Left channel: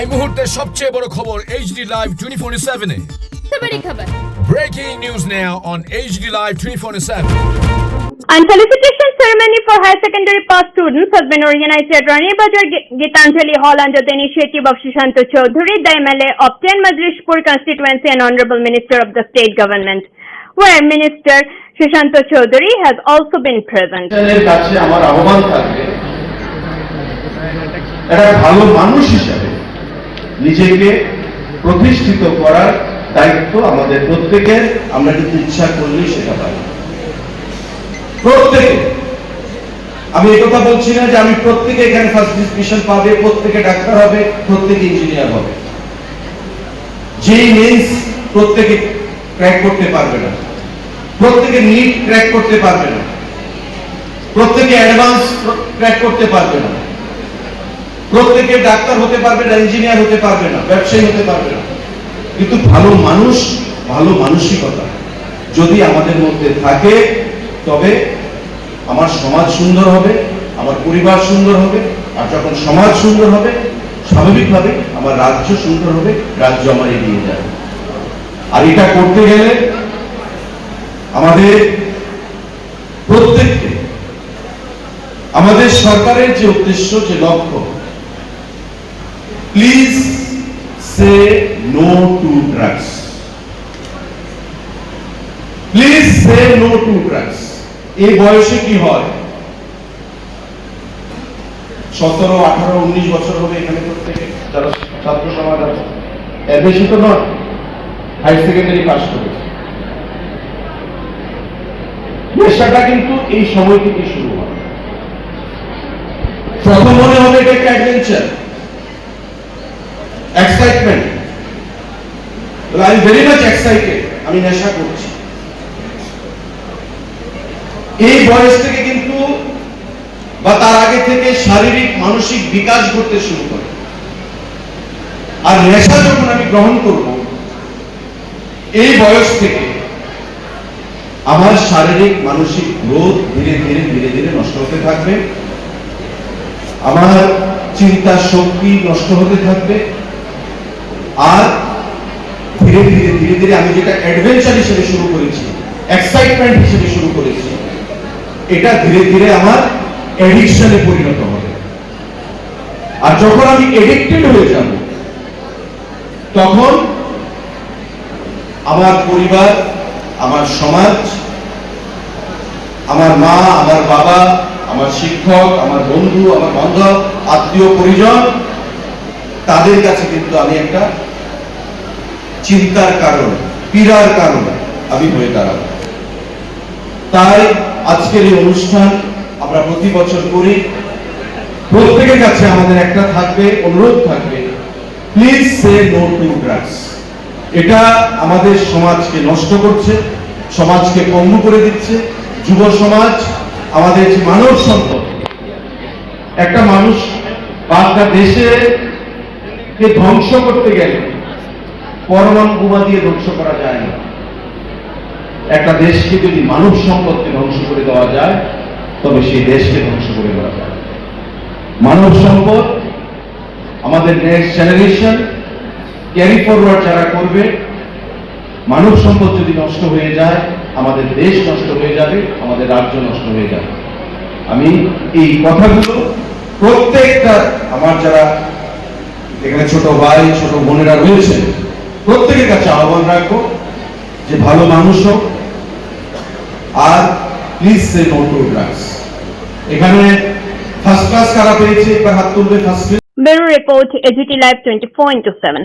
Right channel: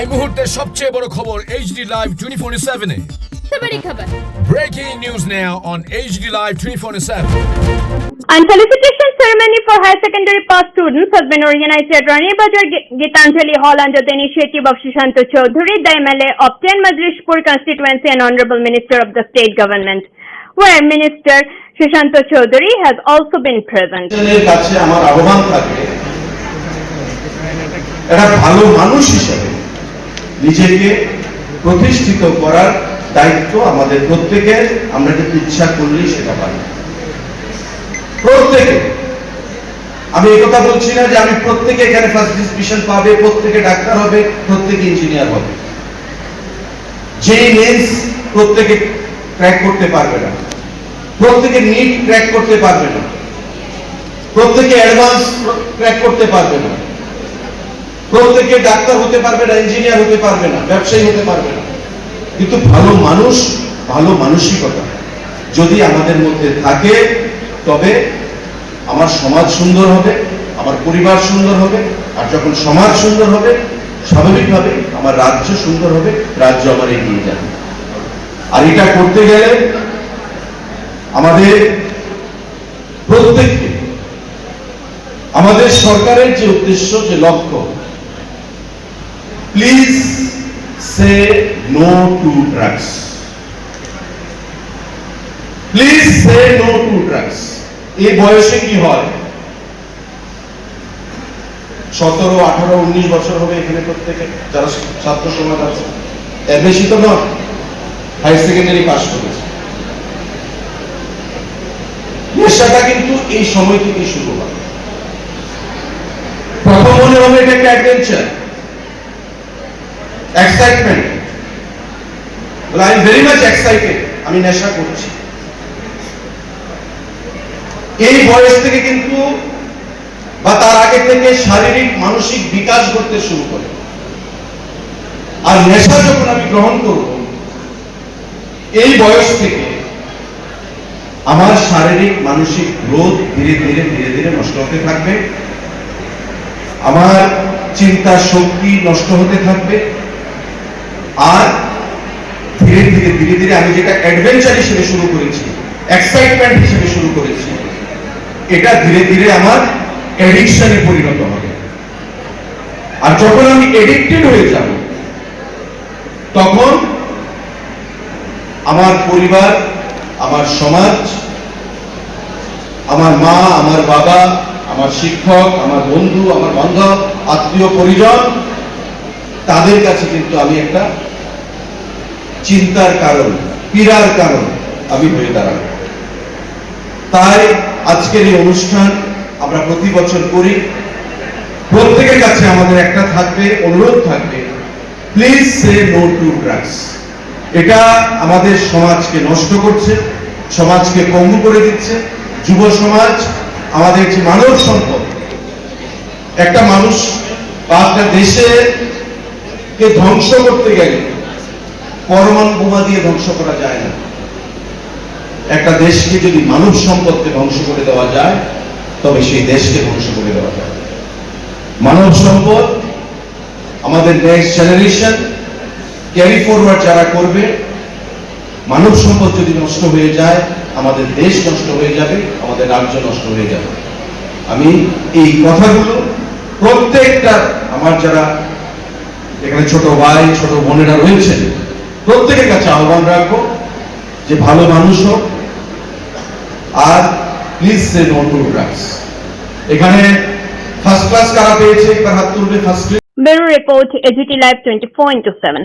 এই মুহূর্তের সবচেয়ে বড় খবর HD Live 24/7 এ। बड़ी खबर Breaking news now on HD Live 24/7. And felicitation ceremony for higher secondary pass students has been organized at Rani Bazar Gitanjali Hall under the initiative of Shashanto Choudhury, the MLA of 10 Madrishpur constituency and Honorable Minister of the State Government, where Minister Shashanto Choudhury has also been present. ভালো মানুষ হিসেবে নিজেকে প্রতিষ্ঠিত করার দায়িত্ব আমাদের প্রত্যেকের। আমরা কিন্তু ইচ্ছা করলেই সেটা পারি প্রত্যেকে। আমি এই কথা বলছি না যে আমি প্রত্যেকে এখানে ফার্স্ট ডিসটিংশন পাবে, প্রত্যেকে ডাক্তার হবে, প্রত্যেকে ইঞ্জিনিয়ার হবে। যেই মেন্স প্রত্যেকে ক্র্যাক করতে পারবে না, প্রত্যেকে নিট ক্র্যাক করতে পারবে না, প্রত্যেকে অ্যাডভান্স ক্র্যাক করতে পারবে না, প্রত্যেকে ডাক্তার হতে পারবে না, ইঞ্জিনিয়ার হতে পারবে না, ব্যবসায়ী হতে পারবে না। কিন্তু ভালো মানুষ, ভালো মানসিকতা যদি আমাদের মধ্যে থাকে, তবে আমার সমাজ সুন্দর হবে, আমার পরিবার সুন্দর হবে, আর যখন সমাজ সুন্দর হবে স্বাভাবিকভাবে আমার রাজ্য সুন্দর হবে, রাজ্য আমার এগিয়ে যাবে। আর এটা করতে গেলে আমাদের প্রত্যেককে, আমাদের সরকারের যে উদ্দেশ্য, যে লক্ষ্য, please say no to drugs, please say no to drugs. এই বয়সে কি হয়, 17, 18, 19 বছর হবে এখানে প্রত্যেকে যারা ছাত্র সমাজ আছে, এর বেশি তো নয়, হায়ার সেকেন্ডারি পাস করেছে। নেশাটা কিন্তু এই সময় থেকে শুরু হয়। প্রথম মনে হবে এটা একটা adventure, excitement, I am very much excited, আমি নেশা করছি। এই বয়স থেকে কিন্তু বা তার আগে থেকে শারীরিক মানসিক বিকাশ করতে শুরু করে। আর নেশা যখন আমি গ্রহণ করব, এই বয়স থেকে আমার শারীরিক মানসিক গ্রোথ ধীরে ধীরে ধীরে ধীরে নষ্ট হতে থাকবে, আমার চিন্তা শক্তি নষ্ট হতে থাকবে। আর ধীরে ধীরে ধীরে ধীরে আমি যেটা অ্যাডভেঞ্চার হিসেবে শুরু করেছি, এক্সাইটমেন্ট হিসেবে শুরু করেছি, এটা ধীরে ধীরে আমার অ্যাডিকশনে পরিণত হবে। আর যখন আমি এডিক্টেড হয়ে যাব, তখন আমার পরিবার, আমার সমাজ, আমার মা, আমার বাবা, আমার শিক্ষক, আমার বন্ধু, আমার বান্ধব, আত্মীয় পরিজন, তাদের কাছে কিন্তু আমি একটা চিন্তার কারণ, পীড়ার কারণ আমি হয়ে দাঁড়াবো। তাই আজকের এই অনুষ্ঠান আমরা প্রতি বছর করি। প্রত্যেকের কাছে আমাদের একটা থাকবে, অনুরোধ থাকবে, please say no to drugs. এটা আমাদের সমাজকে নষ্ট করছে, সমাজকে পঙ্গু করে দিচ্ছে। যুব সমাজ আমাদের যে মানব সম্পদ, একটা মানুষ বা একটা দেশে কে ধ্বংস করতে গেলে পরমাণু বোমা দিয়ে ধ্বংস করা যায় না। একটা দেশকে যদি মানব সম্পদকে ধ্বংস করে দেওয়া যায়, তবে সেই দেশকে ধ্বংস করে দেওয়া যায়। মানব সম্পদ আমাদের নেক্সট জেনারেশন ক্যারি ফরওয়ার্ড যারা করবে, মানব সম্পদ যদি নষ্ট হয়ে যায়, আমাদের দেশ নষ্ট হয়ে যাবে, আমাদের রাজ্য নষ্ট হয়ে যাবে। আমি এই কথাগুলো প্রত্যেকটা আমার যারা এখানে ছোট ভাই, ছোট বোনেরা রয়েছেন, প্রত্যেকের কাছে আহ্বান রাখবো যে ভালো মানুষ হোক, আর please say no to drugs. এখানে ফার্স্ট ক্লাস কারা পেয়েছে একবার হাত তুলবে। First Bureau Report, AGT Live 24/7.